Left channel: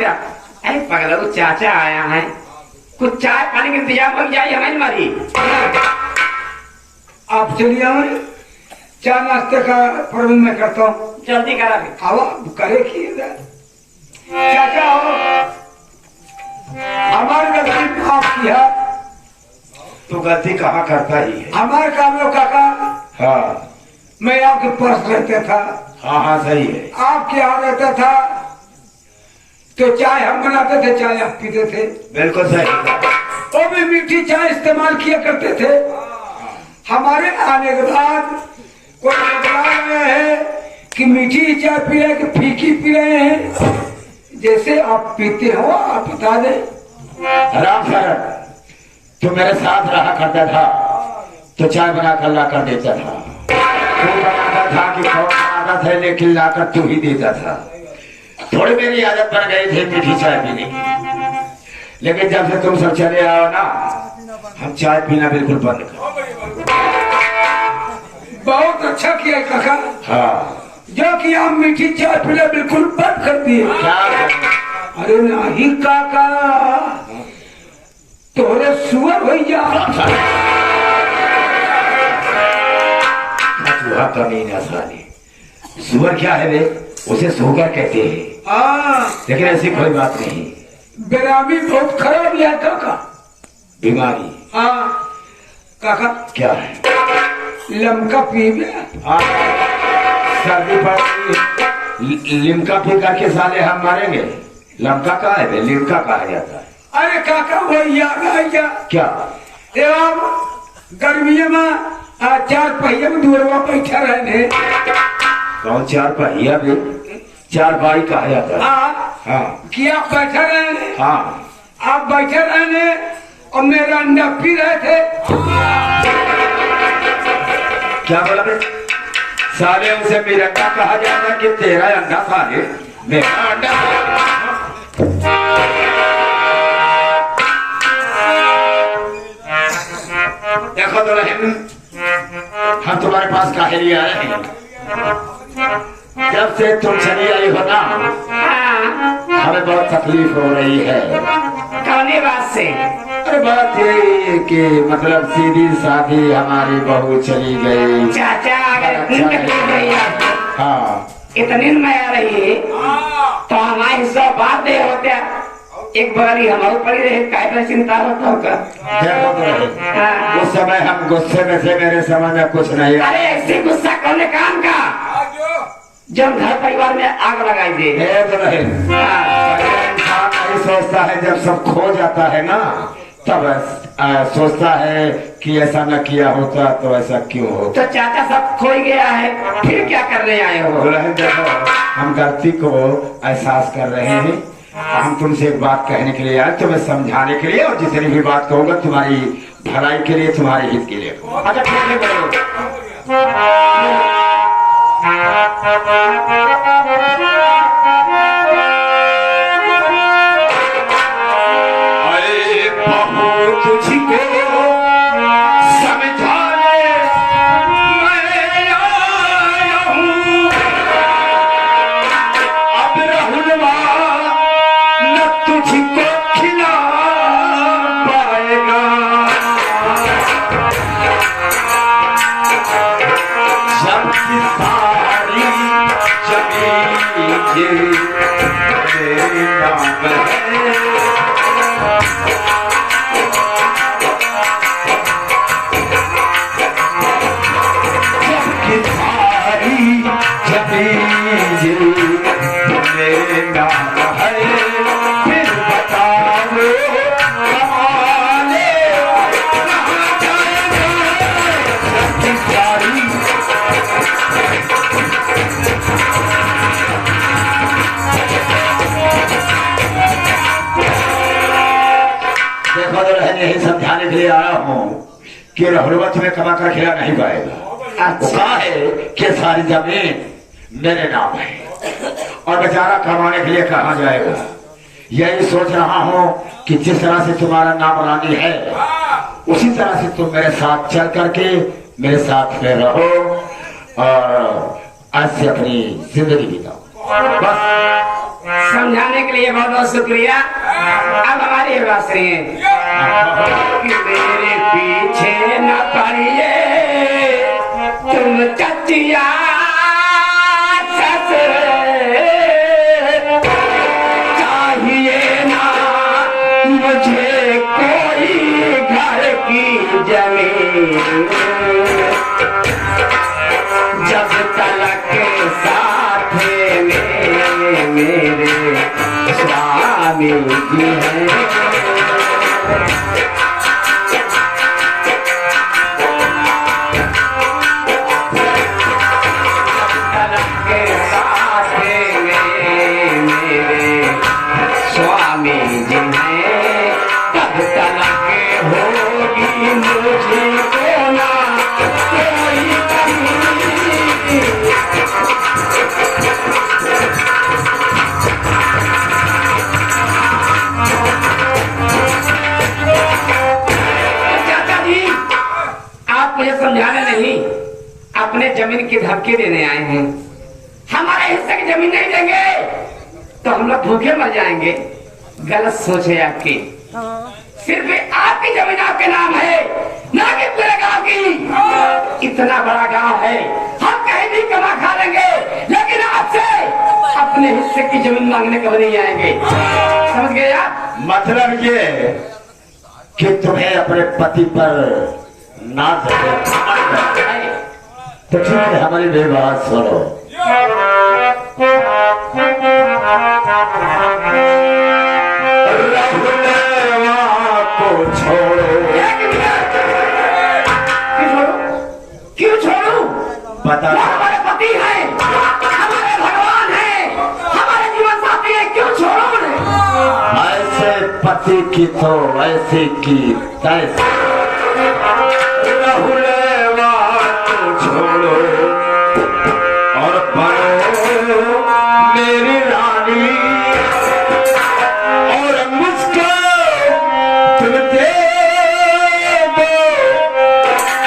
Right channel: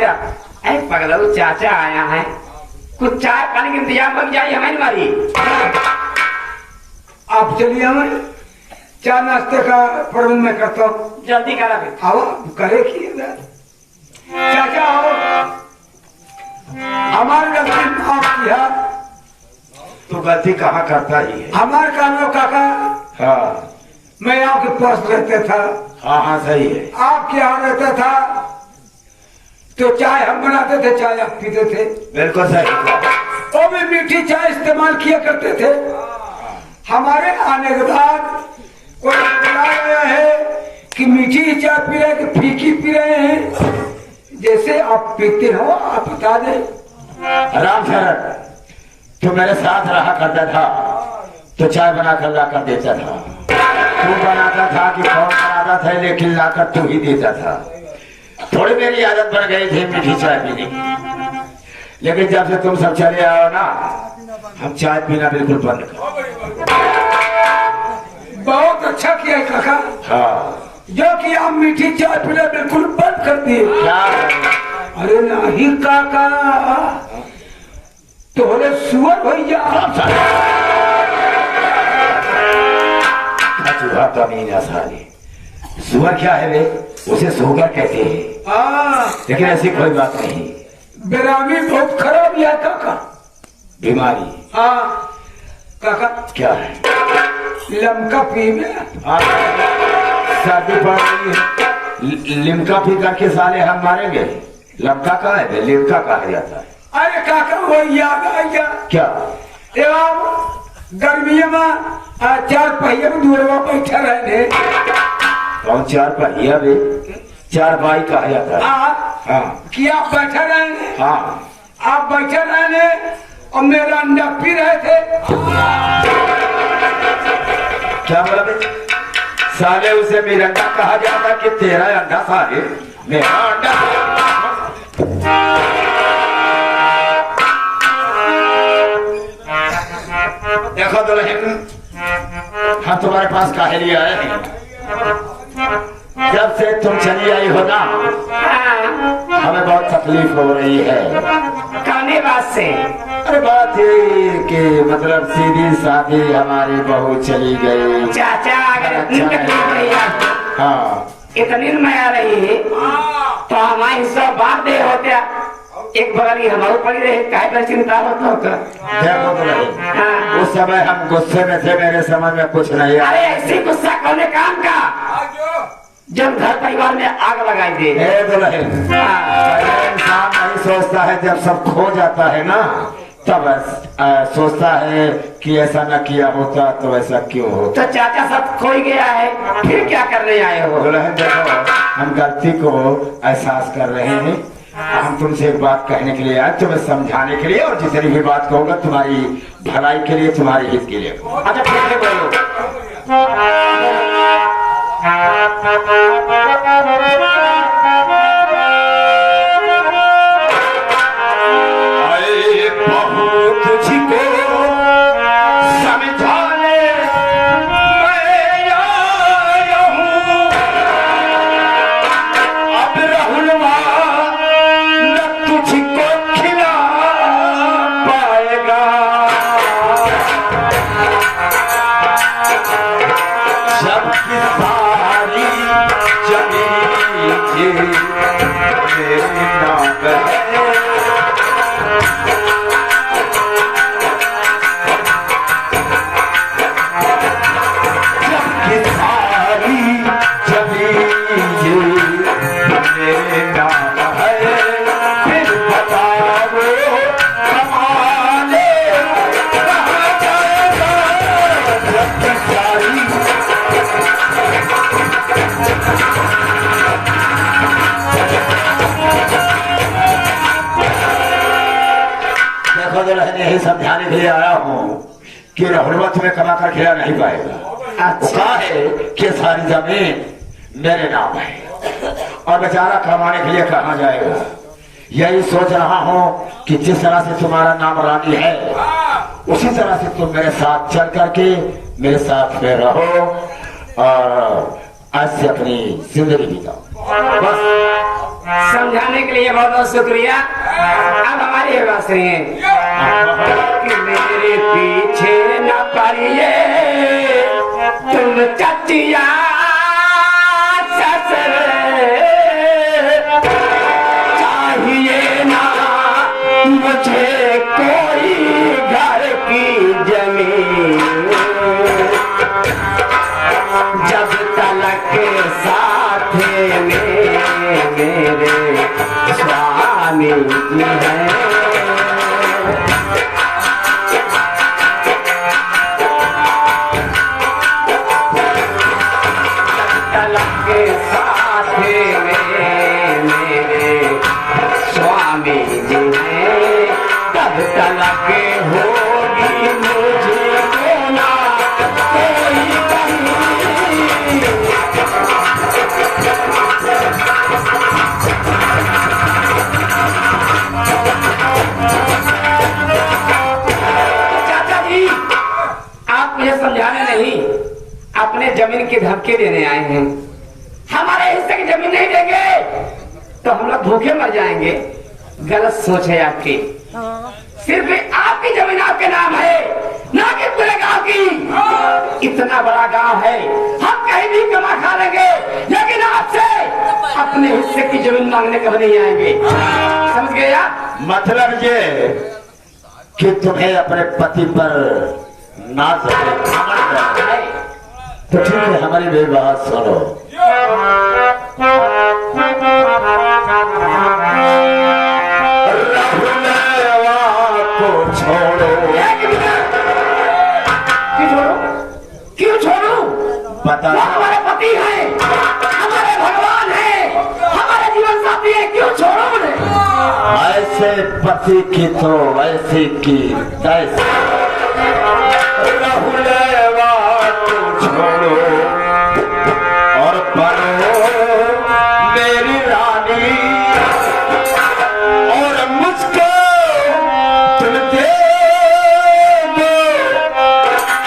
होता है पगला चाचा आया है कुछ चाय पानी का इंतजाम बन जाए हमें मारी आप चलिए हमारी चाय नाश्ते का प्रबंध मैं करता हूँ। जल्दी करा आओ करे कि चाचा आओ हमारे गलती माफ किया। तो गलती कहाँ करता ही है हमारे काम में काका हाँ मैं आपके पास रहता था हाँ हाँ सही है आपके यहाँ रहता था तो चाय हम बनाते थे चाय आप पीते थे बिल्कुल सही वो भी मीठी चाय इस्तेमाल किया करते थे। हमारे आने के बाद कोई बदला गया है कि मीठी चाय पी रहे कि फीकी पी रहे हैं जैसे आप पीते हो आप बता दे। राम सर तू मेरे साथ रहा करता था तो चाय बना कर ला कर देता था तू बनाता था कि कौन बनाता था लेकिन लाकर तू ही देता था। थोड़ी मेरी आदत बन गई थी मीठी चाय पीने की लेकिन जब से तुम सब चले आओ ना हम चाय पीना बिल्कुल बंद कर। बहुत अच्छा किया है काका हाँ जो कि आप मीठी चाय पीना बिल्कुल बंद कर दिए। अरे नहीं काका तोरे सुअर हो जा चूहा कमीना साली सुअर क्या है वे उसे सोकर कहते हैं लेकिन ऐसी कोई बात नहीं। बेरामी बहुत खराब है काका बीमारी हाँ काका क्या है लमका पी में सर्दी पड़ लिमका पी करके साले हम मरेंगे। लमका कहा है लिमका कहा जाता है। अरे काका वही याद आएगा क्या एवं गर्मियों में चार पहिए में दूरवा बैठा रहने कौन चार पहिया भी चार बाई कहा जाता है। हाँ कि आप बैठा रहे हाँ आप बैठे रहने और मेरा अंडा पी रहे थे। क्या बोला बे साले उसे मेरा अंडा कहा जाता कि तेरा अंडा साले मेरा अंडा। देखो तो हम तुम्हारे पास काहे लिए आए हैं जब से तुम चली आई हो ना हमें बहुत तकलीफ हो रही है। गाने बात से अरे बात ये कि मतलब सीधी साधी हमारी बहू चली गई। चाचा अगर नींद टूट रही है हाँ इतनी में आ रही है तो हमारा हिस्सा बात दे होता एक बगल हमारी पड़ी रही काय चिंता होता होगा। देखो तो रही उस समय हम गुस्से में थे मेरे समझ में कुछ नहीं आया। अरे ऐसे गुस्सा करने काम का जब घर परिवार में आग लगाई दे तो रहे इंसान नहीं सोचता है जब सब खो जाता है ना तब सोचता है कि ऐसा न किया होता तो ऐसा क्यों होता। तो चाचा सब खो ही गया है फिर क्या करने आए हो। देखो हम गलती को एहसास कर रहे हैं। हम तुमसे एक बात कहने के लिए आए तुम्हें समझाने के लिए और जितनी भी बात कहूंगा तुम्हारी भलाई के लिए तुम्हारे हित के लिए। अच्छा ठीक है बोलो। यही समझाने के लिए आया हूँ कि हुर्वत में कमा कर खिला नहीं पाएगा। अच्छा है कि सारी जमीन मेरे नाम है और बेचारा कमाने के लिए कहाँ जाएगा। यही सोच रहा हूँ कि जिस तरह से तुम्हारा नाम रानी है उसी तरह से तुम मेरे साथ चल करके मेरे साथ में रहो और ऐसे अपनी जिंदगी बिताओ। बस समझाने के लिए बहुत बहुत शुक्रिया। अब हमारी ये बात सुनिए कि मेरे पीछे न पड़िए तुम चटिया ससुरे, चाहिए ना मुझे कोई घर की जमीन, जब तलक साथ में मेरे स्वामी जी हैं। स्वामी जी हैं, कब तलक होगी मुझे कोना कोई कहीं। चाचा जी, आप मुझे समझाने नहीं, अपने जमीन की धमकी देने आए हैं। हमारे हिस्से की जमीन नहीं देंगे तो हम लोग भूखे मर जाएंगे। गलत सोच है आपकी। सिर्फ आपकी जमीन आपके नाम है, ना कि तेरे गांव की। इतना बड़ा गांव है, हम कहीं भी कमा खा लेंगे, लेकिन आपसे अपने हिस्से की जमीन मांगने कभी नहीं आएंगे। समझ गए आप? मतलब ये कि तुम्हें अपने पति पर नाज है, तो ठीक है, हमारी भी बात सुनो। क्यों छोड़ू? पता वो हमारे पति हैं, हमारे भगवान हैं, हमारे जीवन साथी हैं, क्यों छोड़ो मुझे? ऐसे पति की तो ऐसे की तैसे छोड़ो और बनो मेरी रानी, और मुझको तुम दे दो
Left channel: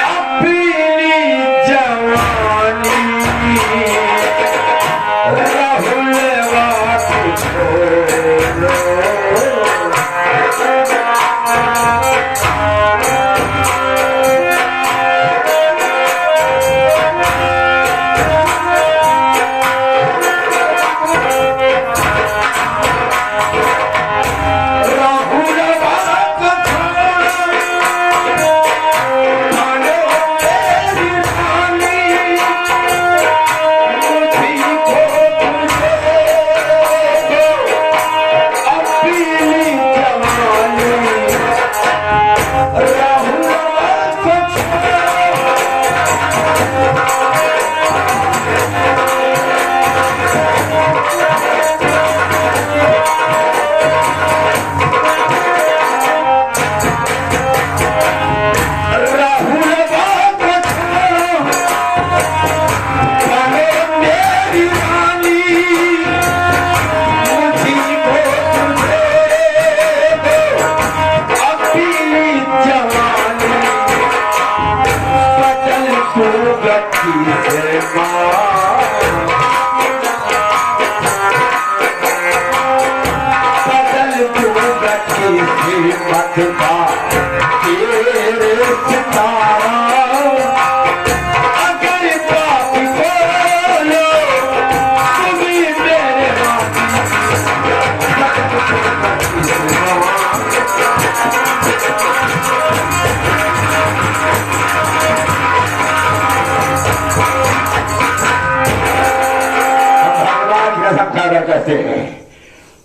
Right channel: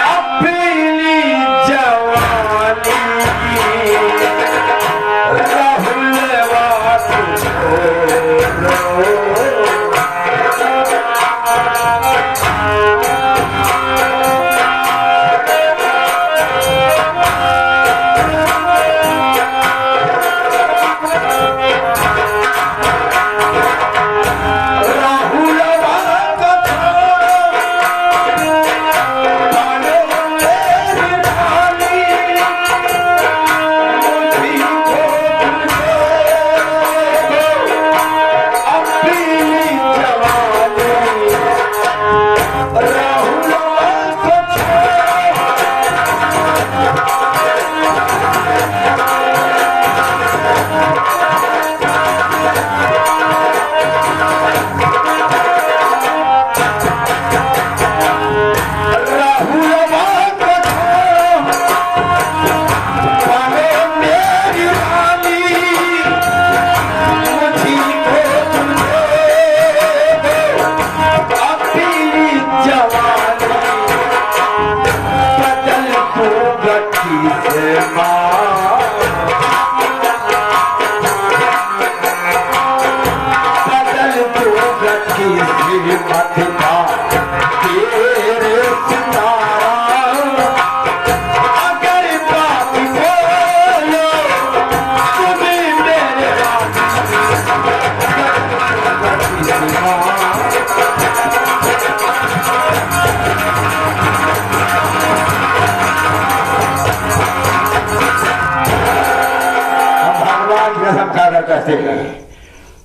अपनी जवानी। राहुल बात छोड़ो,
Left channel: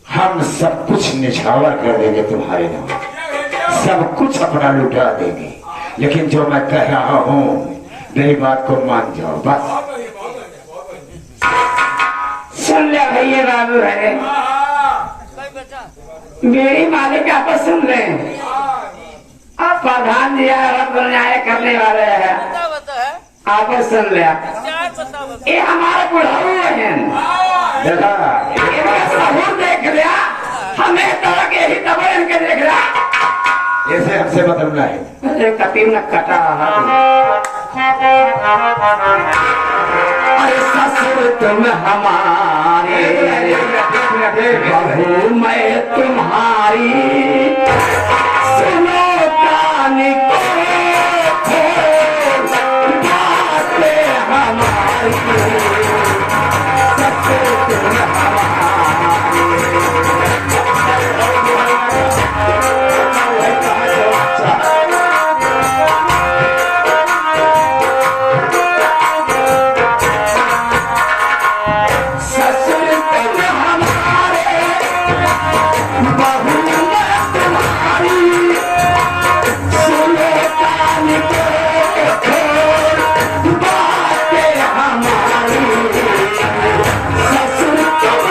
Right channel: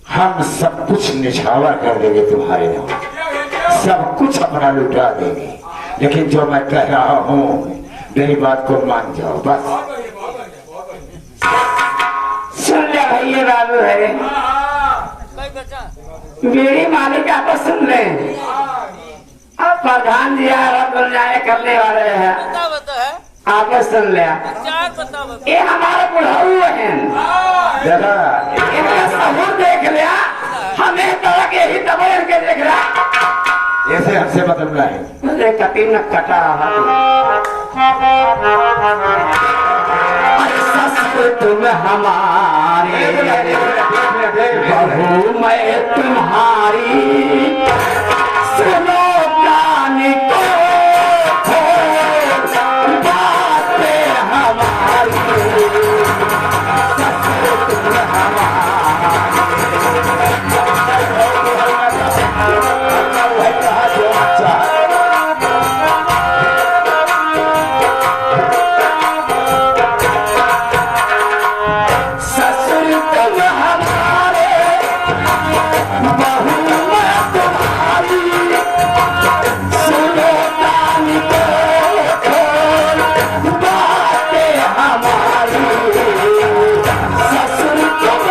हम सब कुछ निछावर कर देंगे तुम्हारे नाम, सब कुछ अपना लुटा देंगे, लेकिन जो मैं कह रहा हूँ मेरी बात को मान जाओ बस। सुन ले भैया, बाबू है मेरी मालिक, आप सुन ले। अब प्रधान जी न्याय करने वाले हैं, आप सुन ले। ये हमारे बुढ़ाऊ हैं, सबूत देख लिया, हमें तड़क यही दबा इनके देख लिया। ऐसे हमसे बदलना है, कतीम न कटा अरे ससुर तुम हमारे बहू मैं तुम्हारी सुनो कान को बातें हमारी ससुर तुम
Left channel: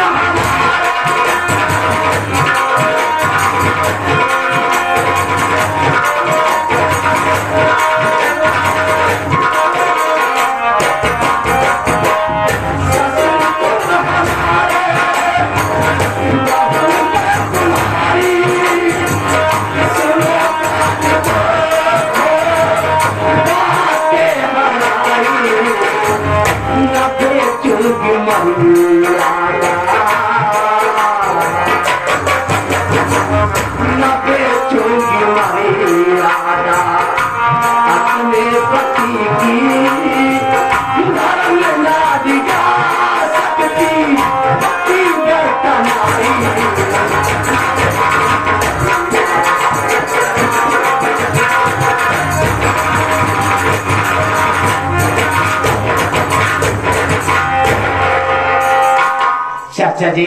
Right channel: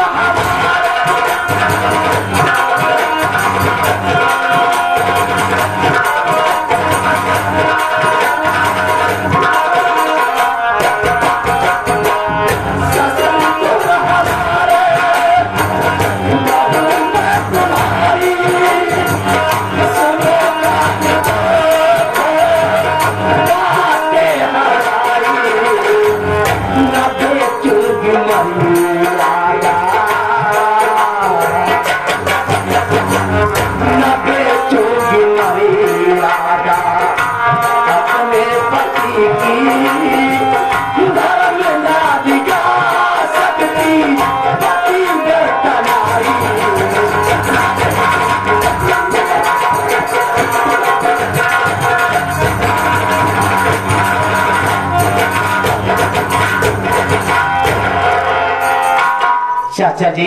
चाचा जी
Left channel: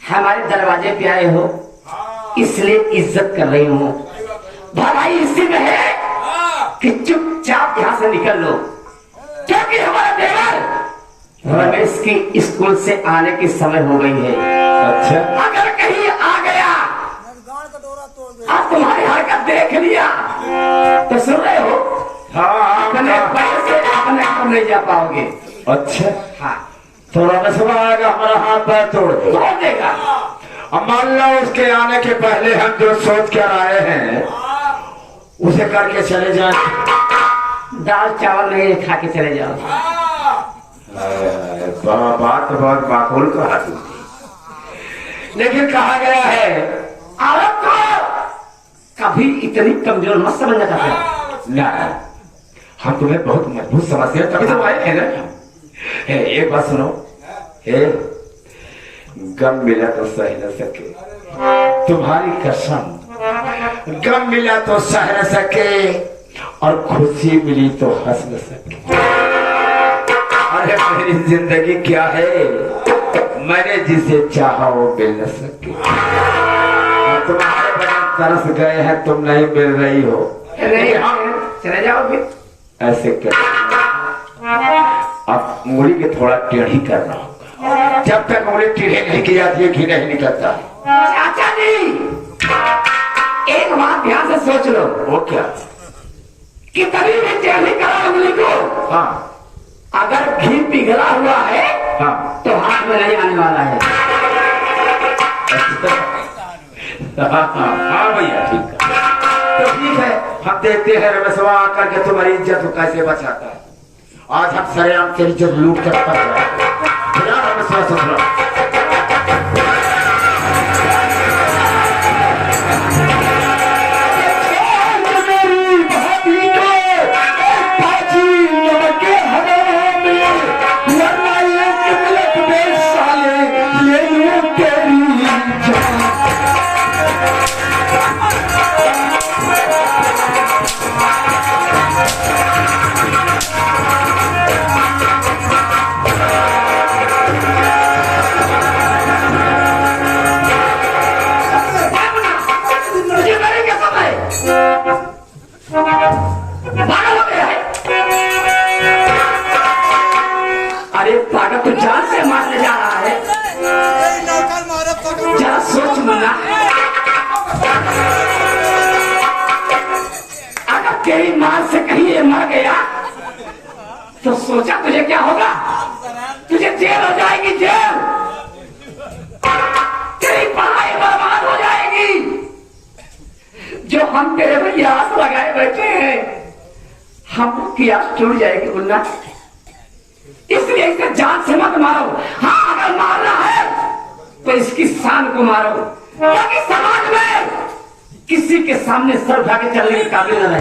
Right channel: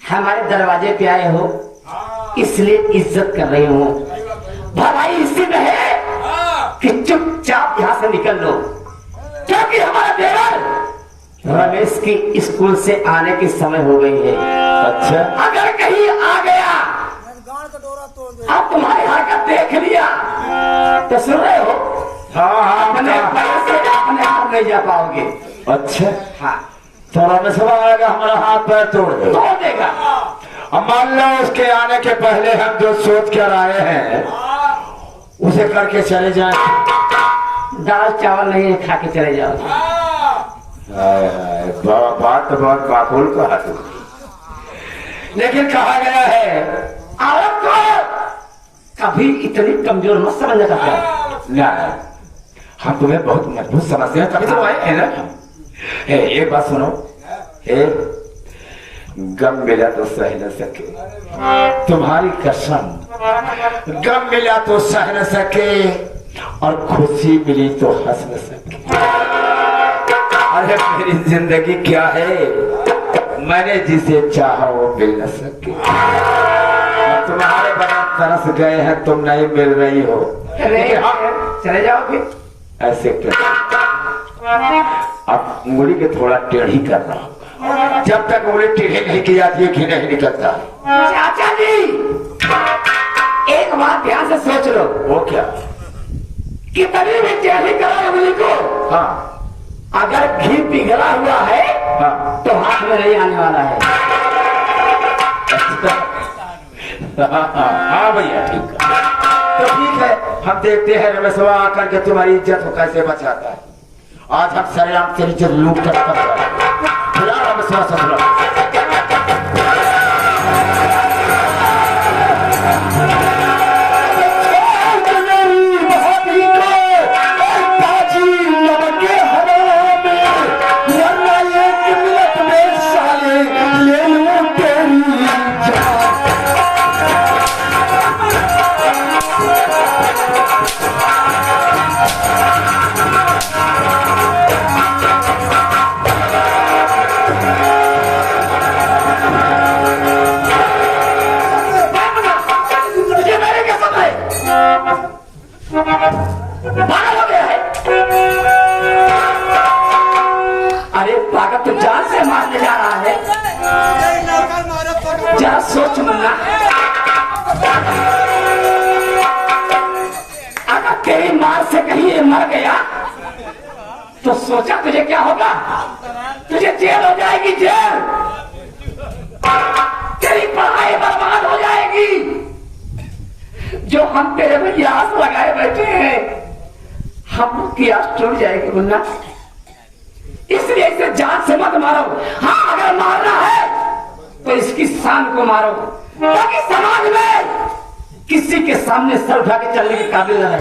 हमारे दरवाजे पे आए हो इसलिए इज्जत कर रही हूँ। भलाई इसी में है कि चुपचाप यहाँ से निकल लो, क्योंकि हमारा देवर रमेश की स्कूल से आने की समय हो गई है। अच्छा, अगर कहीं आ गया और तुम्हारी हरकत देख लिया तो सुन रहे हो, अपने पैर से अपने आप नहीं जा पाओगे। अच्छा, हाँ, तो रमेश आएगा हमारा हाथ पैर तोड़ देगा। अब मान लो उसके आने के पहले हम जो सोच कर आए हैं उसे करके चले जाएं। दाल चावल नहीं खा के चले जाओ। बात तो बहुत माकूल कहा तू, लेकिन कहा गया है औरत को कभी इतनी कमजोर मत समझना चाहते। ना, हम तुम्हें बहुत मजबूत समझते हैं, तभी तो आए हैं ना। एक बात सुनो, गम मिला तो सह न सके, तुम्हारी कसम, गम मिला तो सह न सके और खुशी मिली तो हंस न सके। अरे मेरी जिंदगी क्या है, मैंने जिसे चाहा वो मिल न सके। तुम्हारे बगैर तरस गए हैं, तुम नहीं मिल रही हो, चले जाओगे ऐसे कर। अब उंगली के थोड़ा टेढ़ी कर रहा हूं, जब तक उंगली टेढ़ी नहीं की जाती है घी नहीं निकलता। चाचा जी एक बात ध्यान से सोच लो। वो क्या? कि कभी भी टेढ़ी करा उंगली को, हाँ, अगर घी पिघला हुआ है हाँ, तो हाथ में नहीं आने वाला है। हाँ भैया ठीक है, तो ठीक है, हम देखते हैं रमेशवा आकर के तुम्हारी इज्जत को कैसे बचाता है। आज हम सरेआम तेरी इज्जत लूट कर फिलहाल रमेशवा ससुरा। अरे ताकत तो जान से मारने जा रहा है, जरा सोच मुन्ना। अगर तेरी मार से कहीं ये मर गया तो सोचा तुझे क्या होगा? तुझे जेल हो जाएगी, जेल। तेरी पढ़ाई बर्बाद हो जाएगी। जो हम तेरे भैया आस लगाए बैठे हैं, हम की आस टूट जाएगी मुन्ना। इसलिए इसे जान से मत मारो। हाँ, अगर मारना है तो इसकी शान को मारो ताकि समाज में किसी के सामने सर उठा के चलने के काबिल न रहे।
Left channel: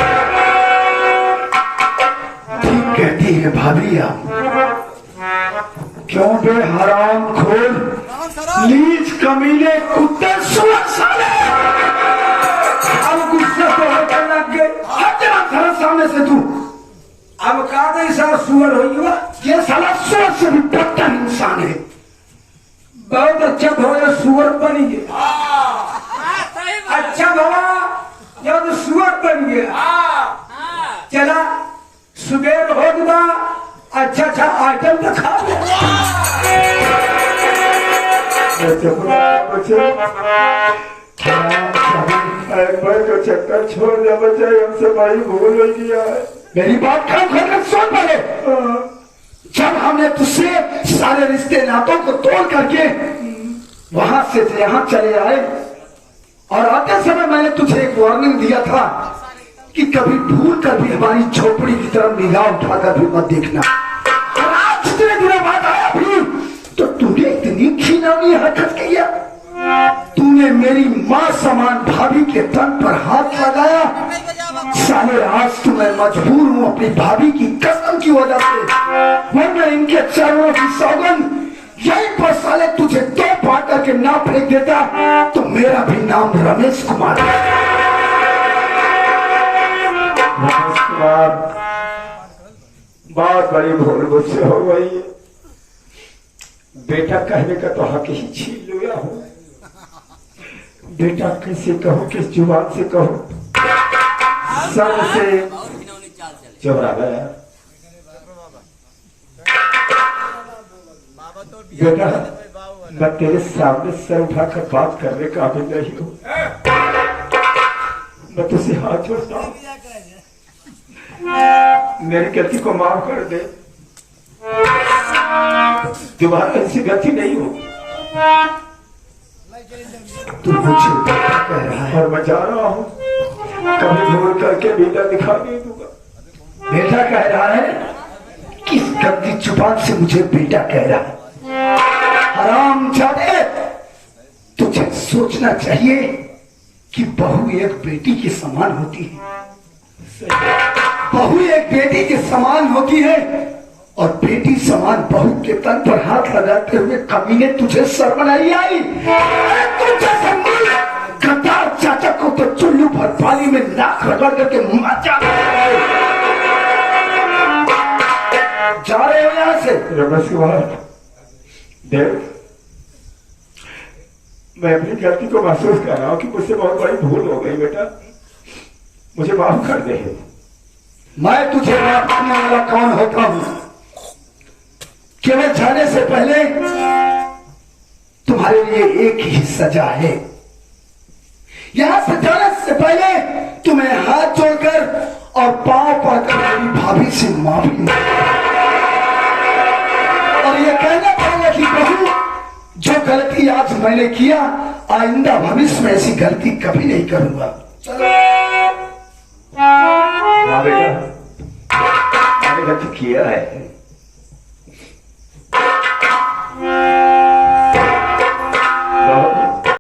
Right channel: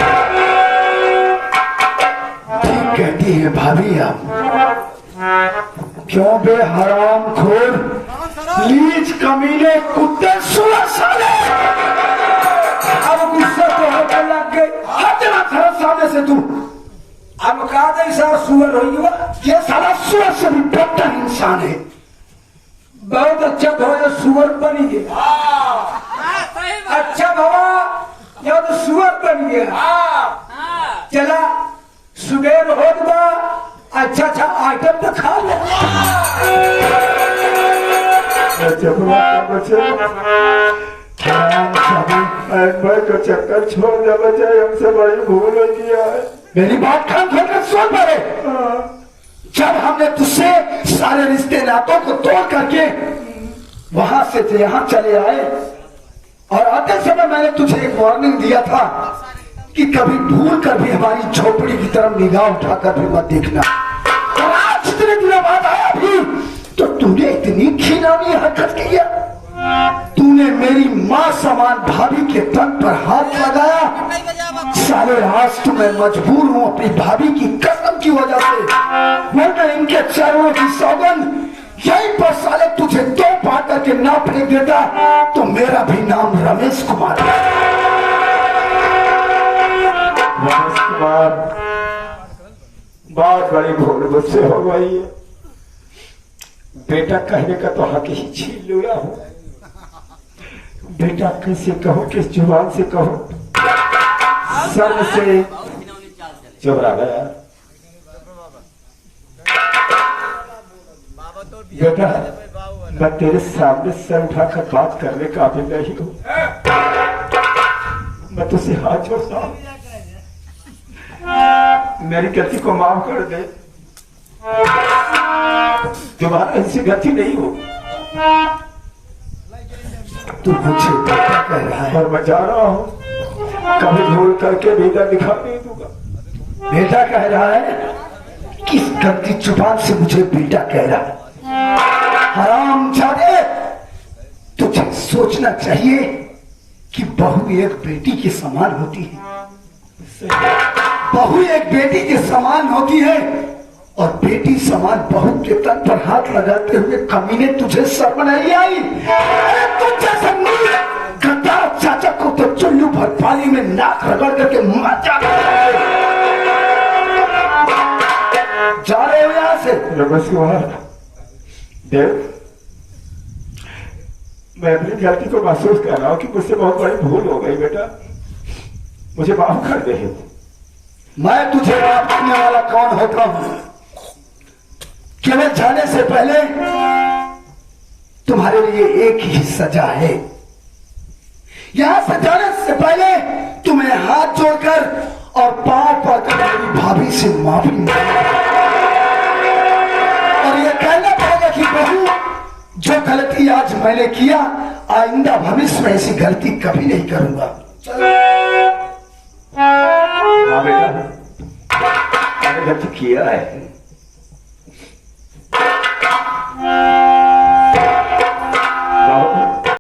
ठीक कहती है भाभी आप। क्यों बे हराम खोर, लीच कमीने, कुत्ते, सुअर साले। अब गुस्सा तो होने लग गए। हटना था सामने से तू। अब कहा गई सारा सुअर हो गया। ये साला सुअर से भी डॉक्टर इंसान है। बहुत अच्छा थोड़ा सुअर बन गया। अच्छा बाबा, या तो सुअर बन गया। चला सुबह हो गया। अच्छा अच्छा आइटम तो खा ले। भाई को चक्कर छोड़ दे बच्चे, हमसे बड़ी भूल हो गया है। मेरी बात कान खोल कर सुन पड़े। जब हमने तुझसे सारे रिश्ते नातों को तोड़ करके वहां से यहाँ चले आए और आते समय मैंने तुझे एक वार्निंग दिया था कि कभी भूल कर भी हमारी झोपड़ी की तरफ निगाह उठाकर भी मत देखना। और आज इतने दिनों बाद आया भी तो तूने इतनी घिनौनी हरकत किया। तूने मेरी माँ समान भाभी के तन पर हाथ लगाया। साले आज तो मैं मजबूर हूँ अपनी भाभी की कसम की वजह से, वरना इनके चरणों की सौगंध यहीं पर साले तुझे दो पाट करके ना फेंक देता तो मेरा भी नाम रमेश कुमार है। रमेश कुमार, बहुत बड़ी भूल मुझसे हो गई है। बेटा कहने का तो हक ही छीन लिया हूँ। बेटा कैसे कहो, किस जुबान से कहो, सबसे चुप रहा। बेटा मैं तेरे सामने सर उठाकर बात करने का भी नहीं हूँ। मैं तुझसे हाथ जोड़ता हूँ, मेरी गलती को माफ कर दे। दोबारा ऐसी गलती नहीं हो। तू मुझे बेटा कह रहा है और मैं जा रहा हूँ, कभी भूल करके बेटा दिखा नहीं दूंगा। बेटा कह रहा है। किस गंदी जुबान से मुझे बेटा कह रहा है? हरामजादे, तुझे सोचना चाहिए कि बहू एक बेटी के समान होती है। बहू एक बेटी के समान होती है और बेटी समान बहू के तन पर हाथ लगाते हुए कमीने तुझे शर्म नहीं आई? तुझे गद्दार चाचा को तो चुल्लू भर पानी में नाक रगड़ करके मचा जा रहे हो यहाँ से। रमेश कुमार देव, मैं अपनी गलती को महसूस कर रहा हूँ कि मुझसे बहुत बड़ी भूल हो गई। बेटा मुझे माफ कर दे। मैं तुझे माफ करने वाला कौन होता हूँ? केवल जाने से पहले तुम्हारे लिए एक ही सजा है। यहां से जाने से पहले तुम्हें हाथ जोड़कर और पांव पड़कर मेरी भाभी से माफी और ये कहना पड़ेगा कि बहू, जो गलती आज मैंने किया आइंदा भविष्य में ऐसी गलती कभी नहीं करूंगा। हाँ बेटा, मैंने गलती किया है।